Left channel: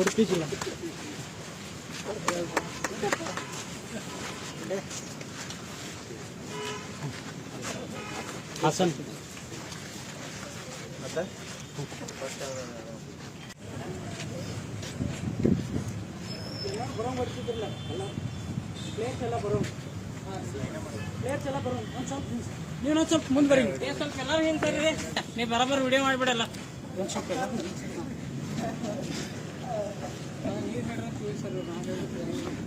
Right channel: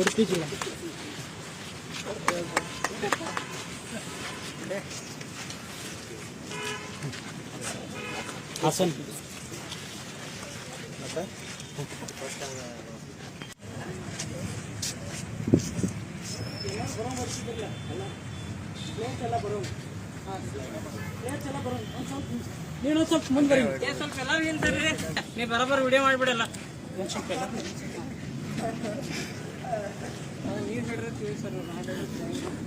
ಉಡುಪಿ ಜಿಲ್ಲಾ ಹಾಸನ್. ನೀನು ಸ್ವಲ್ಪ ಮುಂದೆ ಬರೀ. ಸ್ವಲ್ಪ ಹೇಳ್ತಾರೆ ನೀವು ಬರೋಬ್ಬರ ವಿಡಿಯೋ ಮಾಡಿಬಿಡಲ್ಲ. ಒಂದು ಸ್ವಲ್ಪ ಎಲ್ಲ ಏನು ಹೇಳಿದ್ರೆ ತಿಳಿಸ್ತಾರೆ ಸಾಕು